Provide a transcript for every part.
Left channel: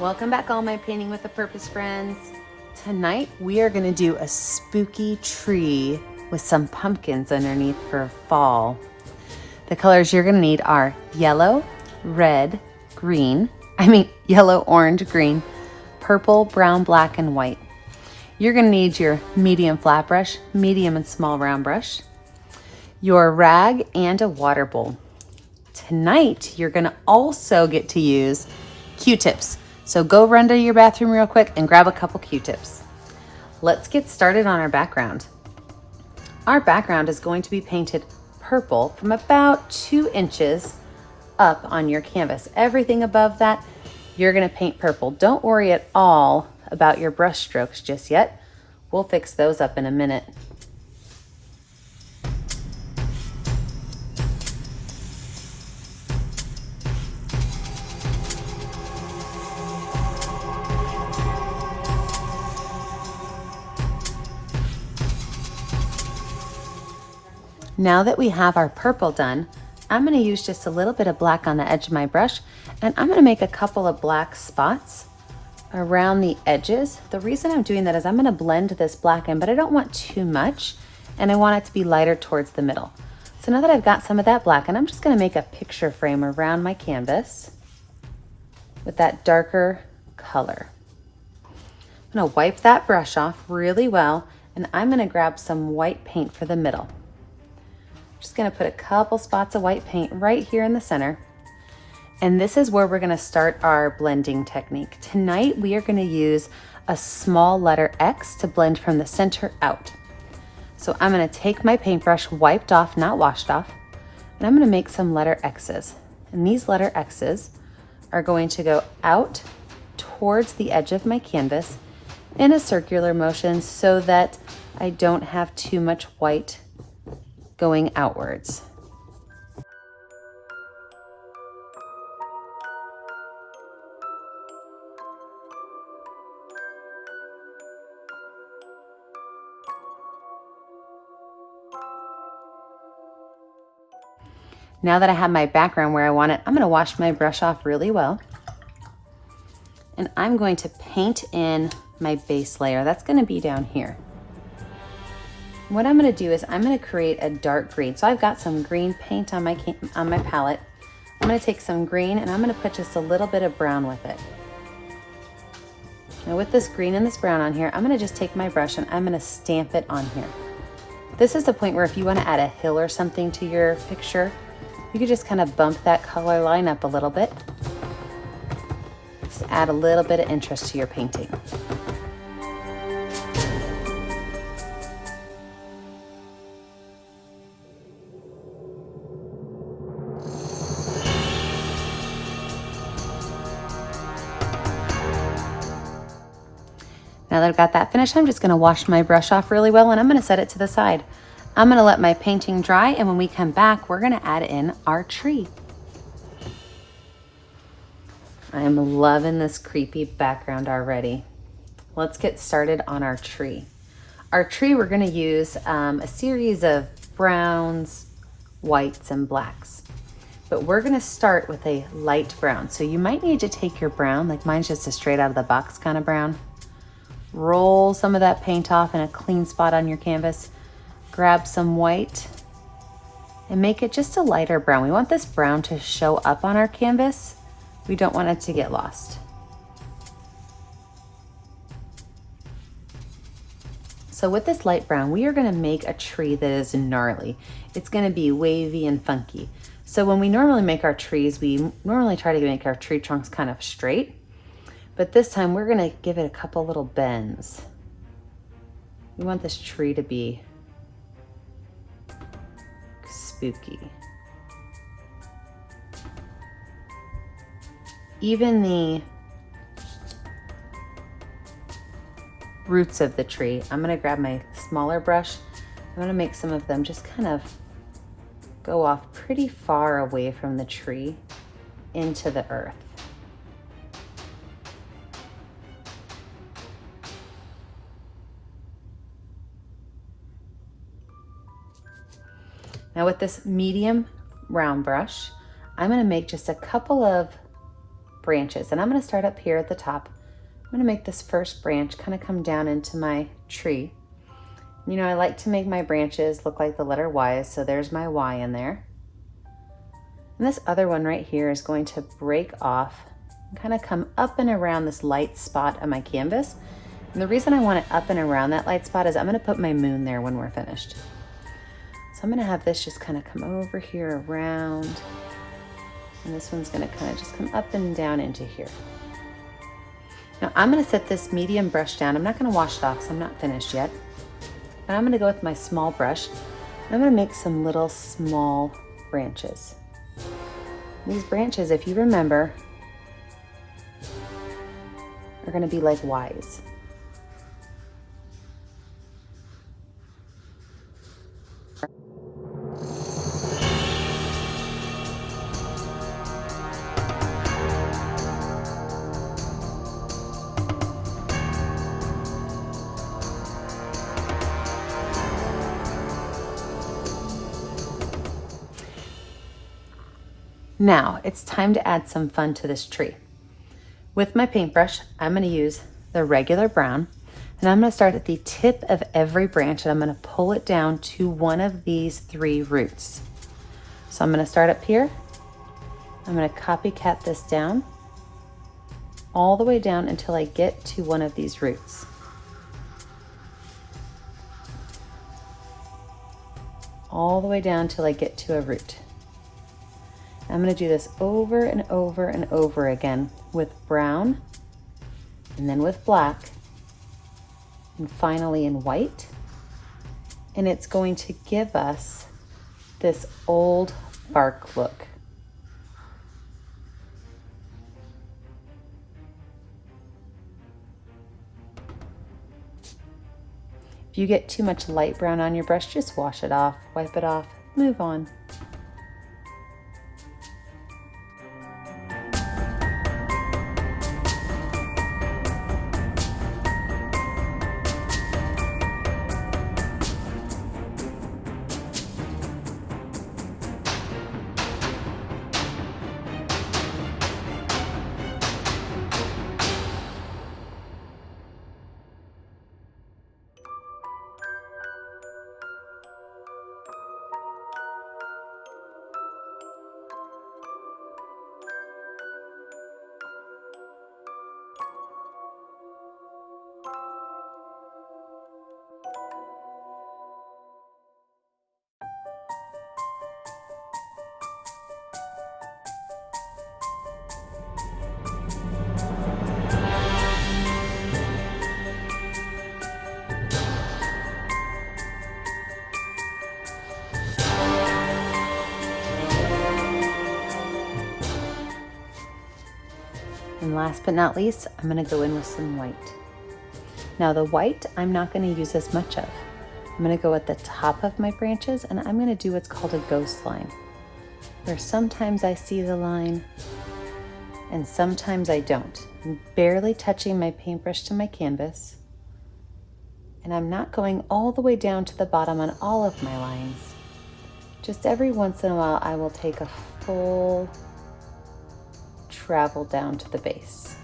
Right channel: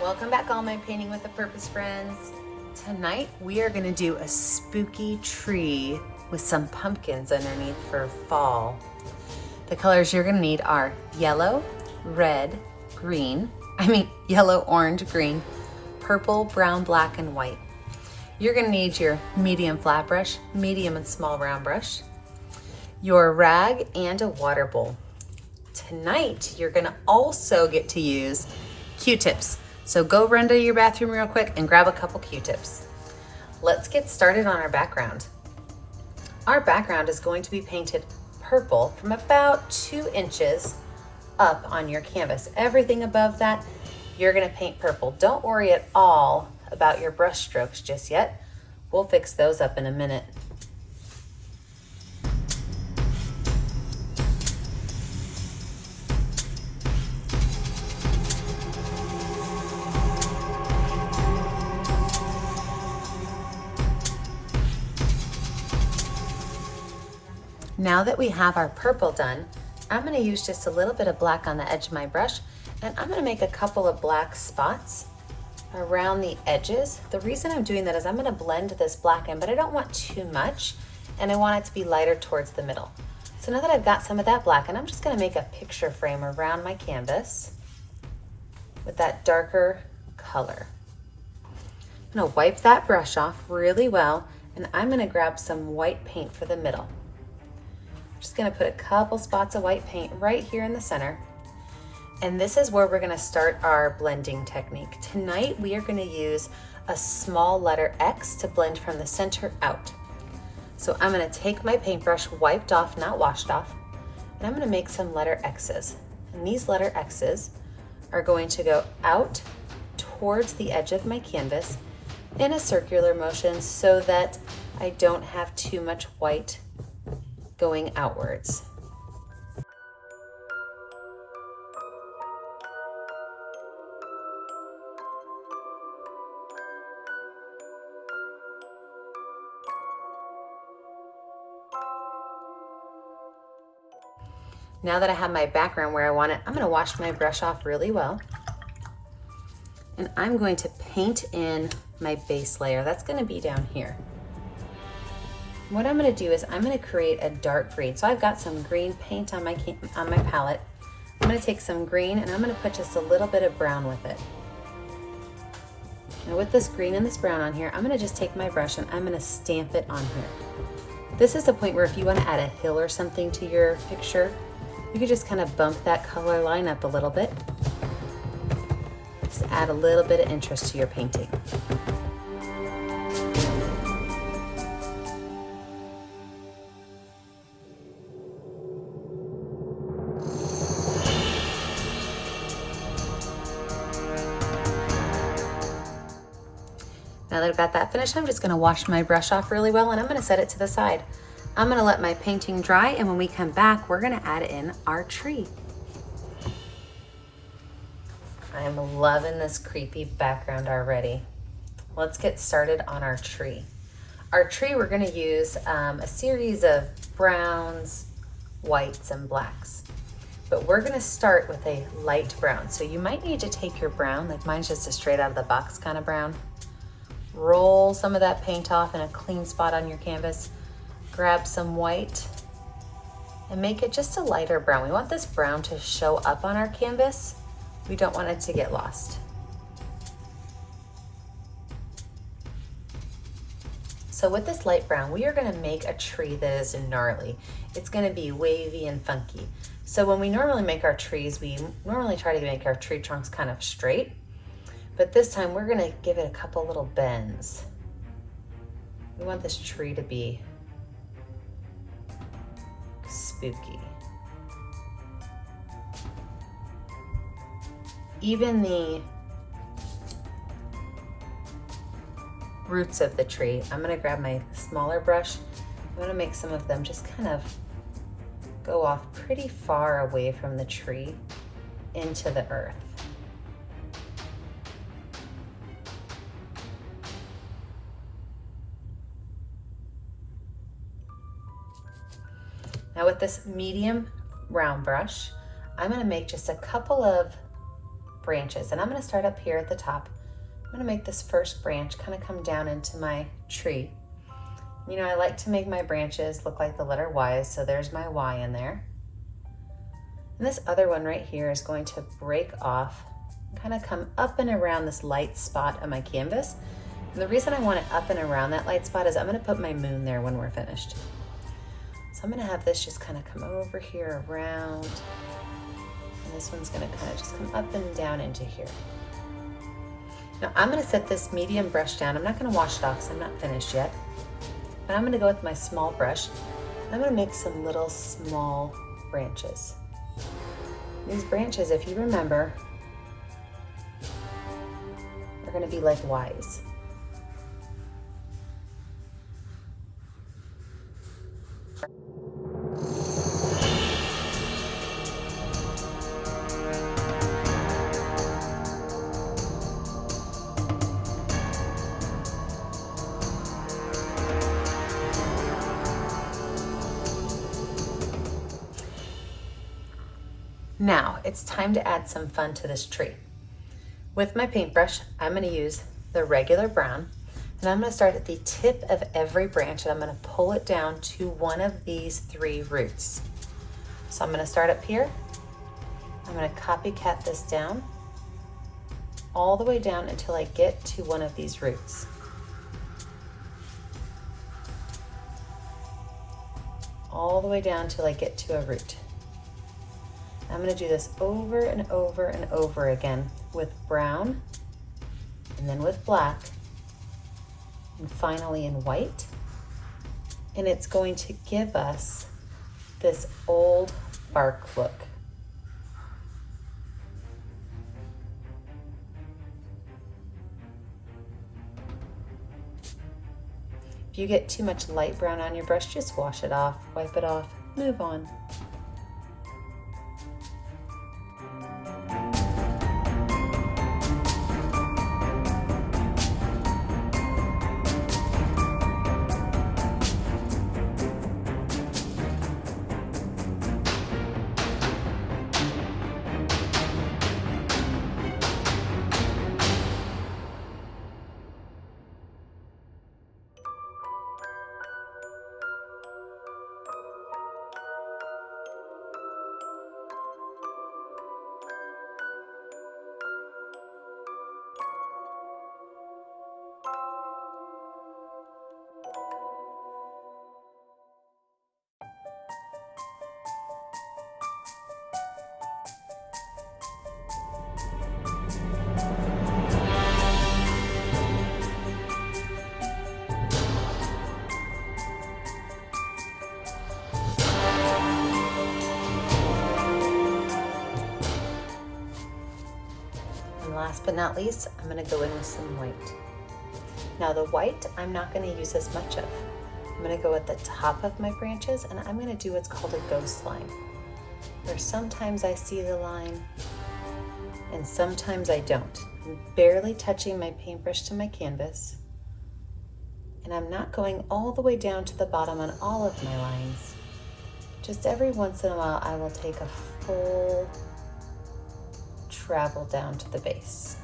Welcome back, all my Painting with a Purpose friends. Tonight we are going to do a spooky tree with some pumpkins underneath for fall. The colors you're going to need are yellow, red, green, yellow, orange, green, purple, brown, black, and white. You're going to need your medium flat brush, medium and small round brush, your rag, and a water bowl. Tonight you're going to also get to use Q-tips. So go run to your bathroom real quick and grab a couple Q-tips. Let's get started on our background. Our background is going to be painted purple from about 2 inches up on your canvas. Everything above that, you're gonna paint purple. Don't worry at all about your brush strokes just yet. We'll fix those up in a minute. Now that we have our purple done, I'm going to use just a little bit of black on the edge of my brush, and I'm going to make a couple of black spots around the edges. The reason I'm doing that is I'm going to blend this black in, but I don't want too much, and I want it to be lighter towards the middle. So now that I've got some of that black, and I'm just going to make a picture frame around my canvas with that darker color. I'm going to wipe that brush off really well, and I'm going to grab some white paint for the middle. Just gonna put a couple spots of white paint right here in the center. And this is where we're gonna start our blending technique. Tonight, we are gonna use a small letter X to blend from the center out. So I'm gonna take my paintbrush, wiped off, not washed off, and I'm gonna make some letter X's. And these letter X's are going to go out towards the edge of my canvas in a circular motion so that I don't have too much white going outwards. Now that I have my background where I want it, I'm going to wash my brush off really well. And I'm going to paint in my base layer. That's going to be down here. What I'm going to do is I'm going to create a dark green. So I've got some green paint on my palette. I'm going to take some green and I'm going to put just a little bit of brown with it. Now with this green and this brown on here, I'm going to just take my brush and I'm going to stamp it on here. This is the point where if you want to add a hill or something to your picture, you could just kind of bump that color line up a little bit. Just add a little bit of interest to your painting. Now that I've got that finished, I'm just going to wash my brush off really well and I'm going to set it to the side. I'm going to let my painting dry, and when we come back, we're going to add in our tree. I'm loving this creepy background already. Let's get started on our tree. Our tree, we're going to use a series of browns, whites, and blacks. But we're going to start with a light brown. So you might need to take your brown, like mine's just a straight out of the box kind of brown. Roll some of that paint off in a clean spot on your canvas. Grab some white and make it just a lighter brown. We want this brown to show up on our canvas. We don't want it to get lost. So with this light brown, we are going to make a tree that is gnarly. It's going to be wavy and funky. So when we normally make our trees, we normally try to make our tree trunks kind of straight. But this time we're gonna give it a couple little bends. We want this tree to be spooky. Even the roots of the tree, I'm gonna grab my smaller brush. I'm gonna make some of them just kind of go off pretty far away from the tree into the earth. Now with this medium round brush, I'm going to make just a couple of branches. And I'm gonna start up here at the top. I'm gonna make this first branch kind of come down into my tree. You know, I like to make my branches look like the letter Y, so there's my Y in there. And this other one right here is going to break off and kind of come up and around this light spot on my canvas. And the reason I want it up and around that light spot is I'm gonna put my moon there when we're finished. So I'm gonna have this just kind of come over here around, and this one's gonna kind of just come up and down into here. Now I'm gonna set this medium brush down. I'm not gonna wash it off, so I'm not finished yet. But I'm gonna go with my small brush. I'm gonna make some little small branches. These branches, if you remember, are gonna be like Ys. Now it's time to add some fun to this tree. With my paintbrush, I'm going to use the regular brown, and I'm going to start at the tip of every branch, and I'm going to pull it down to one of these 3 roots. So I'm going to start up here. I'm going to copycat this down all the way down until I get to one of these roots. All the way down till I get to a root. I'm going to do this over and over and over again with brown, and then with black, and finally in white. And it's going to give us this old bark look. If you get too much light brown on your brush, just wash it off, wipe it off, move on. And last but not least, I'm going to go in with some white. Now the white, I'm not going to use as much of. I'm going to go at the top of my branches, and I'm going to do what's called a ghost line, where sometimes I see the line and sometimes I don't. I'm barely touching my paintbrush to my canvas, and I'm not going all the way down to the bottom on all of my lines. Just every once in a while, I will take a full travel down to the base.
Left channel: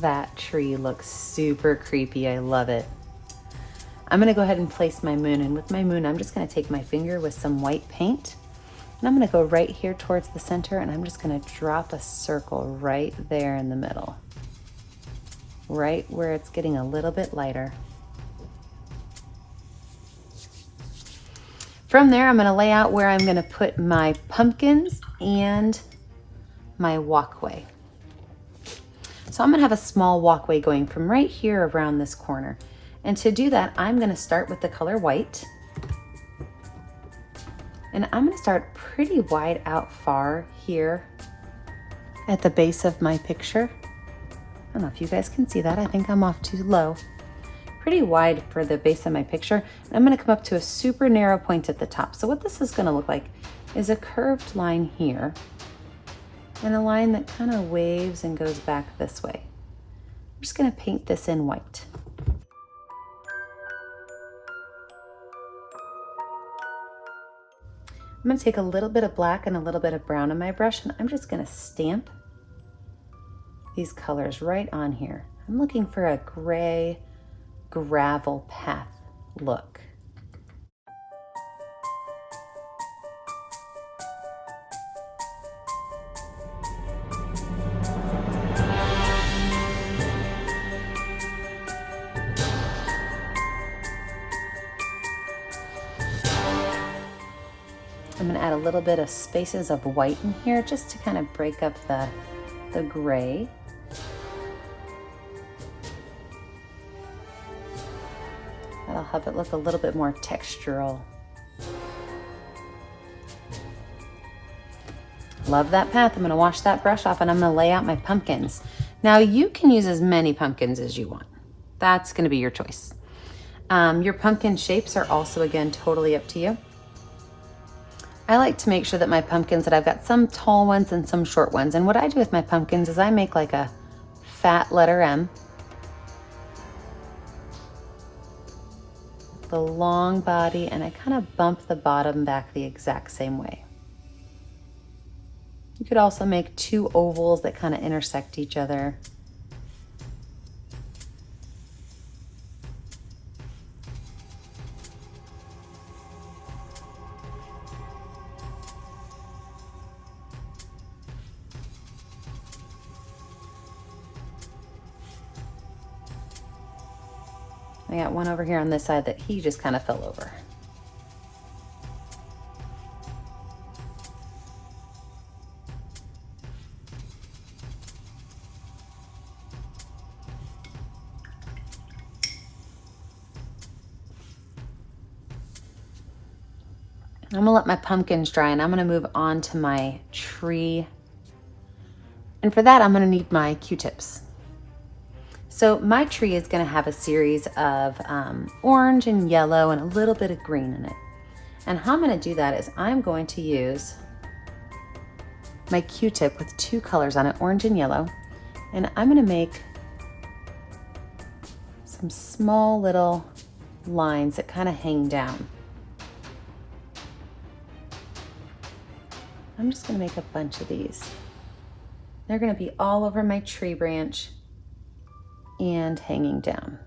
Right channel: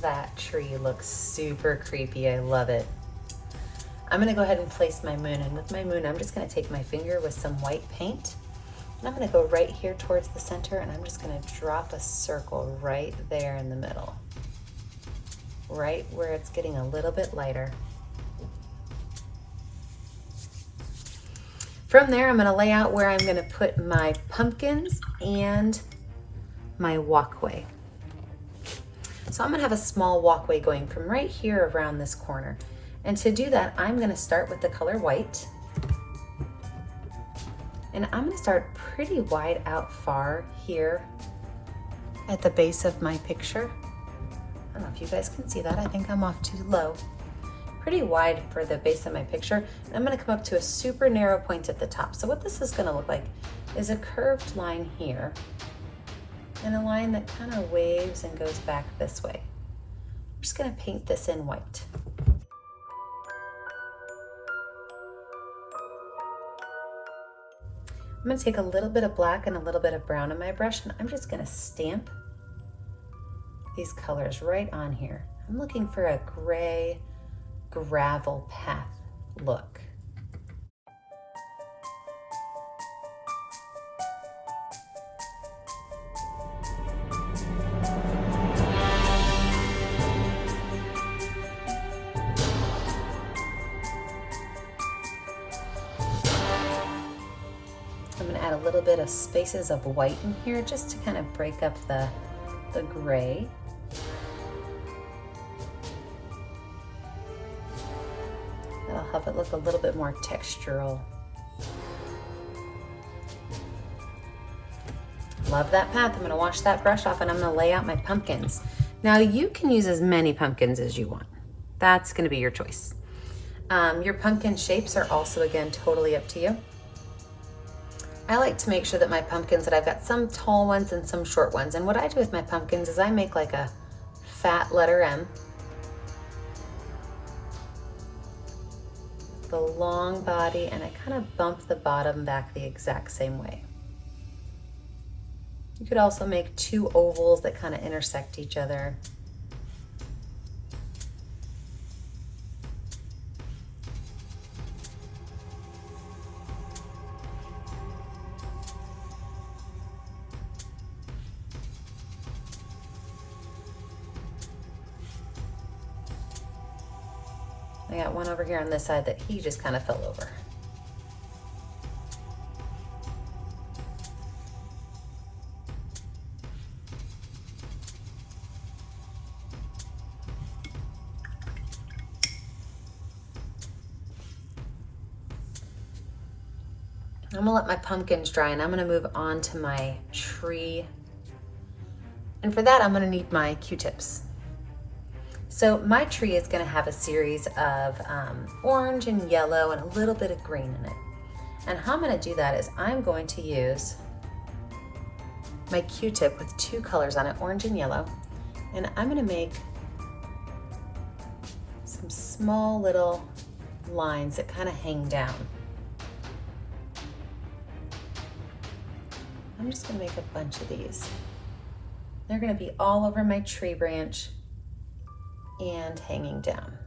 That tree looks super creepy. I love it. I'm gonna go ahead and place my moon, and with my moon, I'm just gonna take my finger with some white paint, and I'm gonna go right here towards the center, and I'm just gonna drop a circle right there in the middle, right where it's getting a little bit lighter. From there, I'm gonna lay out where I'm gonna put my pumpkins and my walkway. So I'm gonna have a small walkway going from right here around this corner. And to do that, I'm gonna start with the color white. And I'm gonna start pretty wide out far here at the base of my picture. don't know if you guys can see that. I think I'm off too low. Pretty wide for the base of my picture. And I'm gonna come up to a super narrow point at the top. So what this is gonna look like is a curved line here and a line that kind of waves and goes back this way. I'm just gonna paint this in white. I'm gonna take a little bit of black and a little bit of brown on my brush, and I'm just gonna stamp these colors right on here. I'm looking for a gray gravel path look. I'm going to add a little bit of spaces of white in here just to kind of break up the gray. That'll help it look a little bit more textural. Love that path. I'm going to wash that brush off and I'm going to lay out my pumpkins. Now you can use as many pumpkins as you want. That's going to be your choice. Your pumpkin shapes are also, again, totally up to you. I like to make sure that my pumpkins, that I've got some tall ones and some short ones. And what I do with my pumpkins is I make like a fat letter M, the long body, and I kind of bump the bottom back the exact same way. You could also make two ovals that kind of intersect each other. I got one over here on this side that he just kind of fell over. I'm gonna let my pumpkins dry and I'm gonna move on to my tree. And for that, I'm gonna need my Q-tips. So my tree is gonna have a series of orange and yellow and a little bit of green in it. And how I'm gonna do that is I'm going to use my Q-tip with two colors on it, orange and yellow. And I'm gonna make some small little lines that kind of hang down. I'm just gonna make a bunch of these. They're gonna be all over my tree branch and hanging down.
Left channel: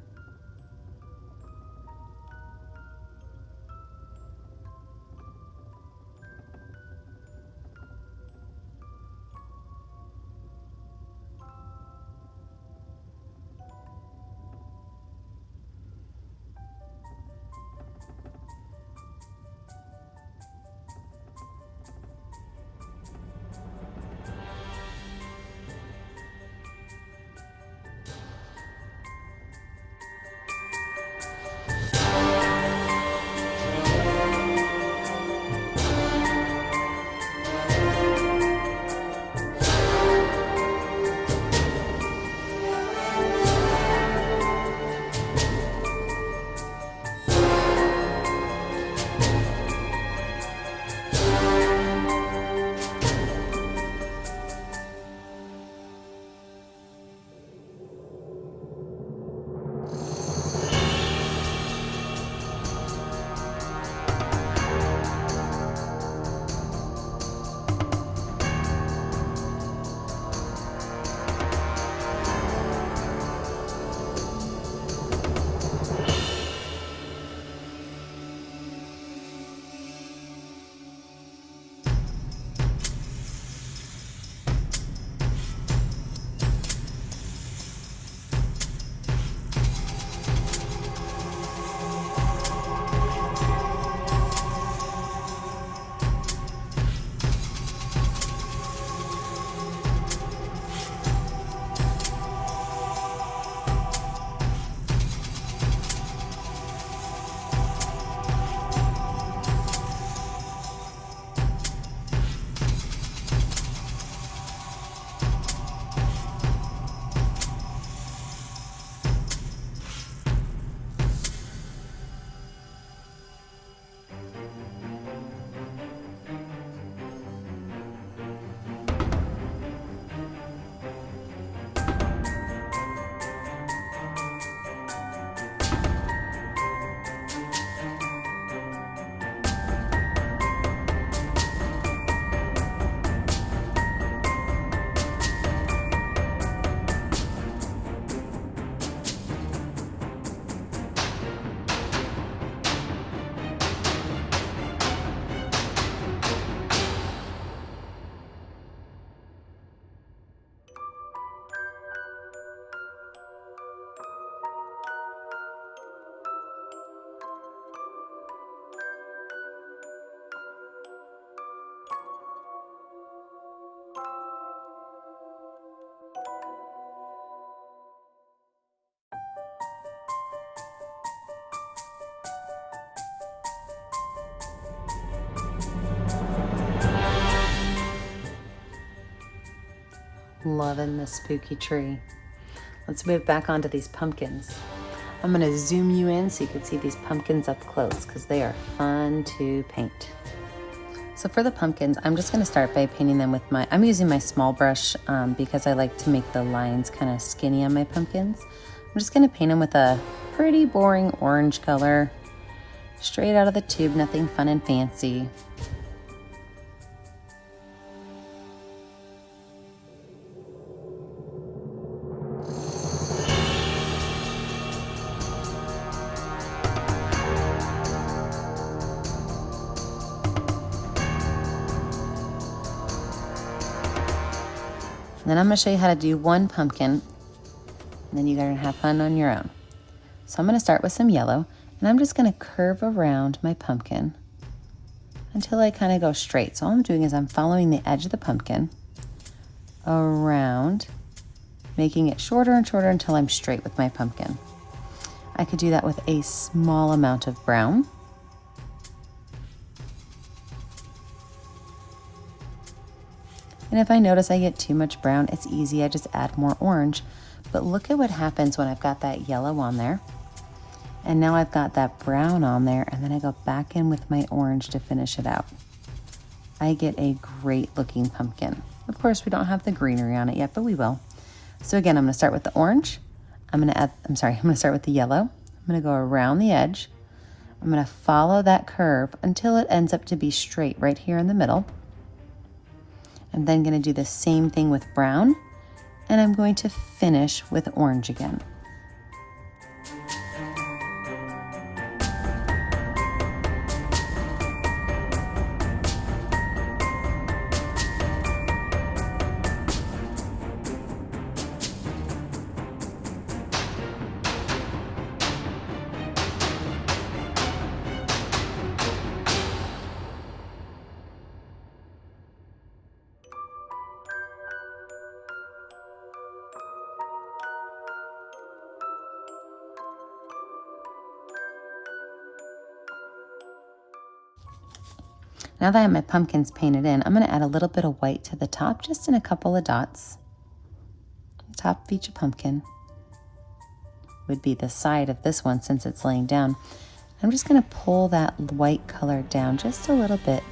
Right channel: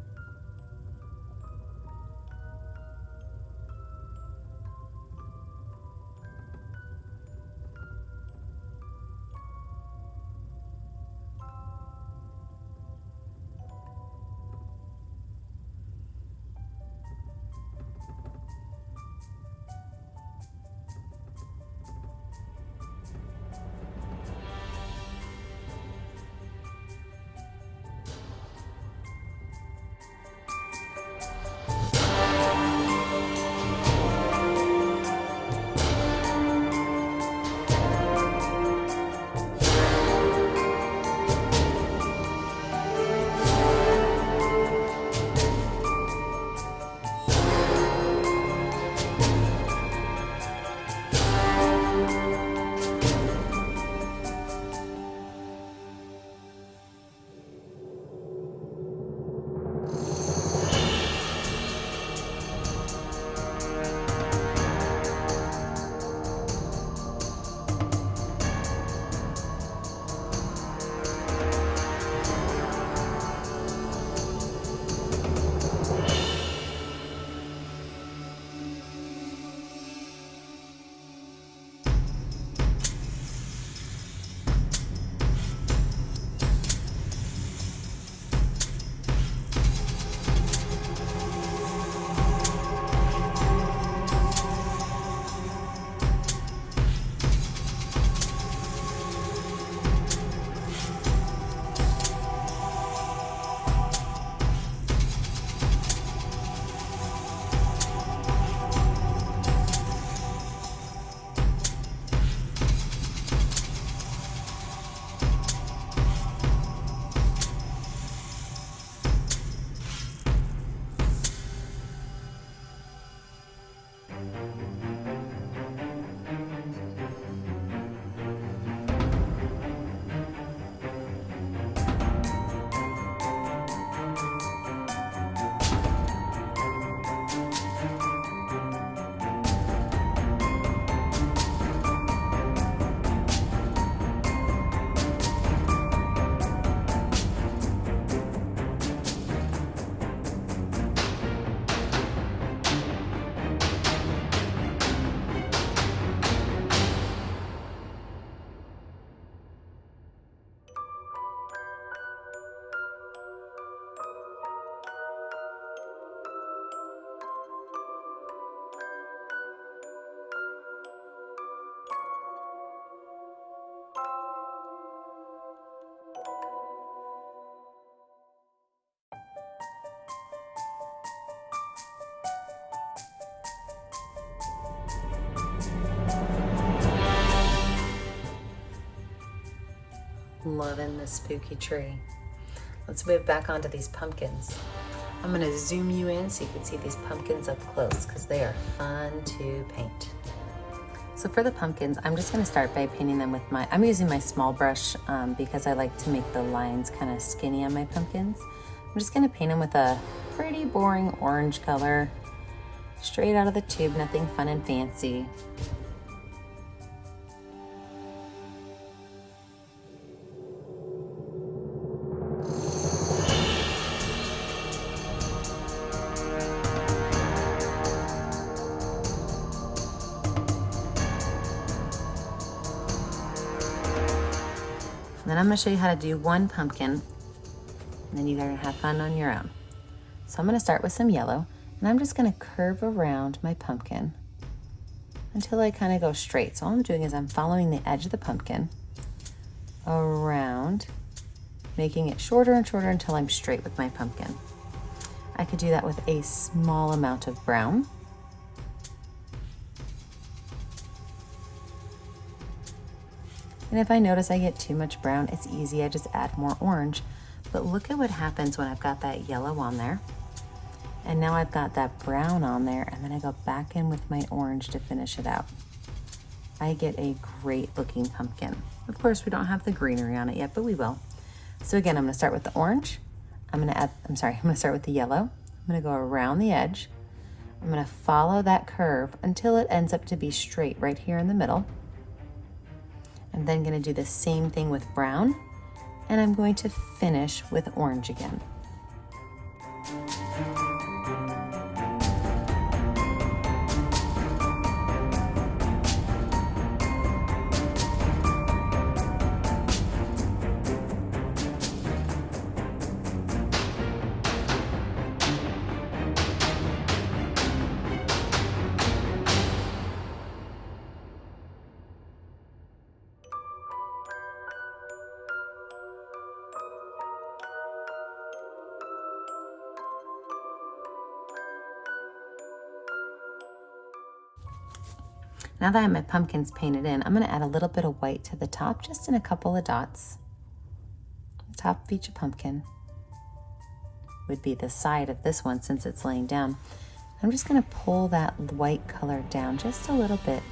Loving the spooky tree. Let's move back onto these pumpkins. I'm gonna zoom you in so you can see these pumpkins up close because they are fun to paint. So for the pumpkins, I'm just gonna start by painting them with I'm using my small brush because I like to make the lines kind of skinny on my pumpkins. I'm just gonna paint them with a pretty boring orange color, straight out of the tube, nothing fun and fancy. Then I'm going to show you how to do one pumpkin, and then you're going to have fun on your own. So I'm going to start with some yellow, and I'm just going to curve around my pumpkin until I kind of go straight. So all I'm doing is I'm following the edge of the pumpkin around, making it shorter and shorter until I'm straight with my pumpkin. I could do that with a small amount of brown. And if I notice I get too much brown, it's easy, I just add more orange. But look at what happens when I've got that yellow on there. And now I've got that brown on there, and then I go back in with my orange to finish it out. I get a great looking pumpkin. Of course, we don't have the greenery on it yet, but we will. So again, I'm gonna start with the orange. I'm gonna start with the yellow. I'm gonna go around the edge. I'm gonna follow that curve until it ends up to be straight right here in the middle. I'm then going to do the same thing with brown, and I'm going to finish with orange again. Now that I have my pumpkins painted in, I'm going to add a little bit of white to the top, just in a couple of dots. The top of each pumpkin would be the side of this one since it's laying down. I'm just going to pull that white color down just a little bit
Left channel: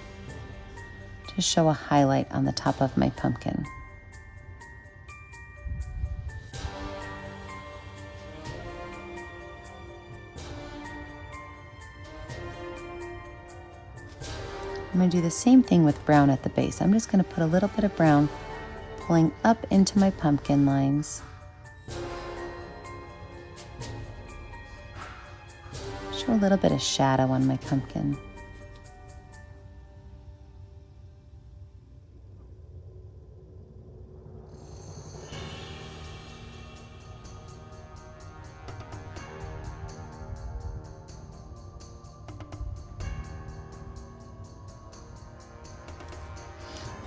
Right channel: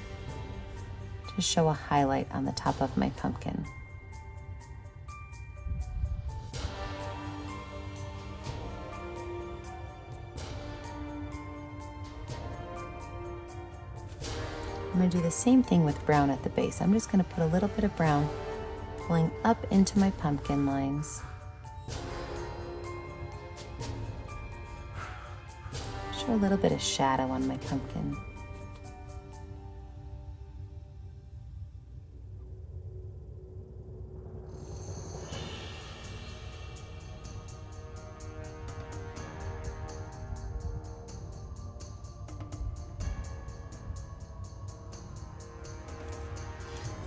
to show a highlight on the top of my pumpkin. I'm going to do the same thing with brown at the base. I'm just going to put a little bit of brown pulling up into my pumpkin lines. Show a little bit of shadow on my pumpkin.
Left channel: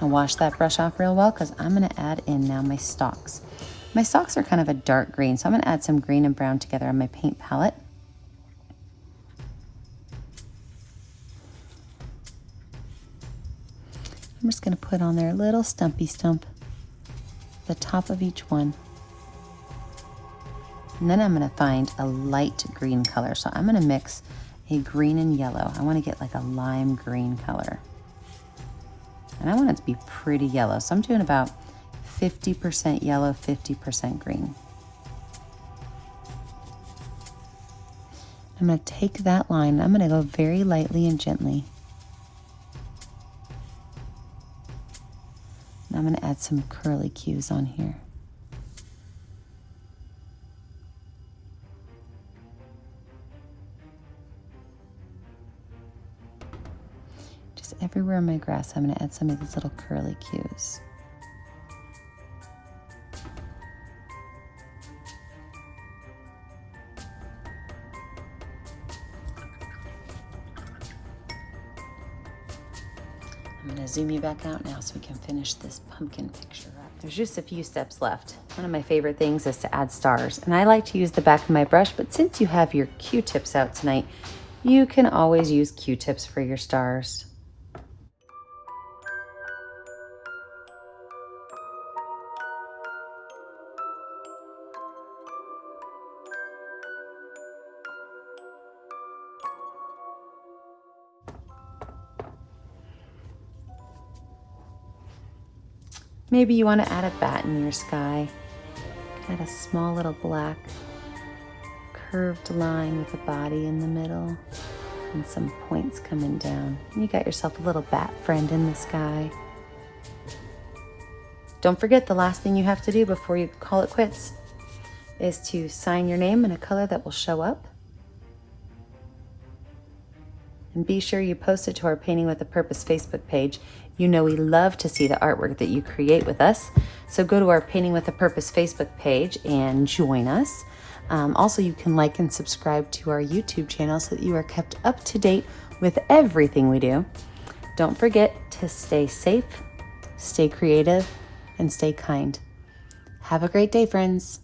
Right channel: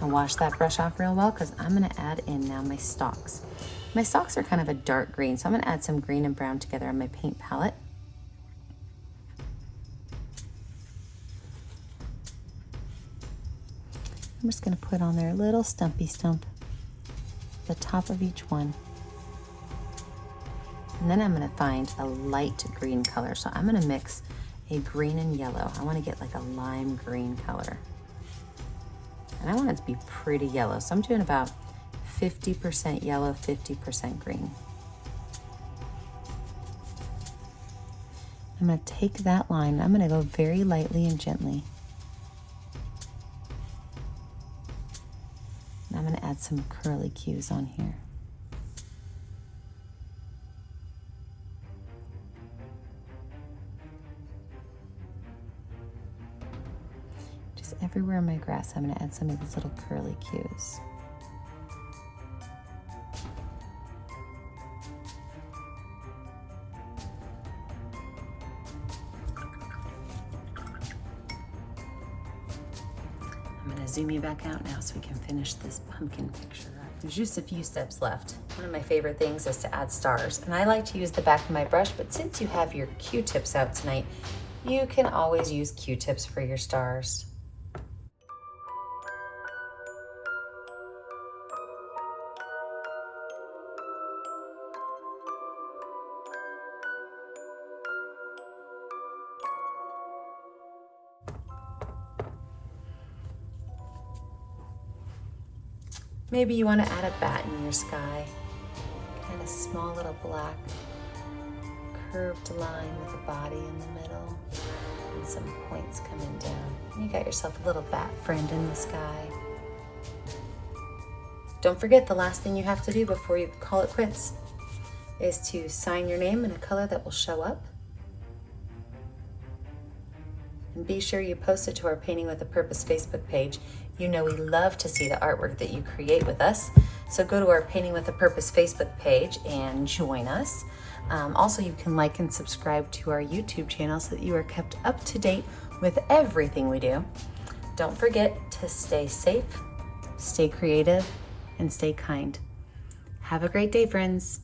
I'll wash that brush off real well because I'm going to add in now my stalks. My stalks are kind of a dark green, so I'm going to add some green and brown together on my paint palette. I'm just going to put on there a little stumpy stump at the top of each one. And then I'm going to find a light green color. So I'm going to mix a green and yellow. I want to get like a lime green color. And I want it to be pretty yellow. So I'm doing about 50% yellow, 50% green. I'm going to take that line. I'm going to go very lightly and gently. And I'm going to add some curly cues on here. Just everywhere on my grass, I'm going to add some of these little curly cues. I'm going to zoom you back out now so we can finish this pumpkin picture up. There's just a few steps left. One of my favorite things is to add stars, and I like to use the back of my brush, but since you have your Q-tips out tonight, you can always use Q-tips for your stars. Maybe you want to add a bat in your sky. Add a small little black curved line with a body in the middle and some points coming down. You got yourself a little bat friend in the sky. Don't forget, the last thing you have to do before you call it quits is to sign your name in a color that will show up. And be sure you post it to our Painting with a Purpose Facebook page. You know we love to see the artwork that you create with us. So go to our Painting with a Purpose Facebook page and join us. Also, you can like and subscribe to our YouTube channel so that you are kept up to date with everything we do. Don't forget to stay safe, stay creative, and stay kind. Have a great day, friends.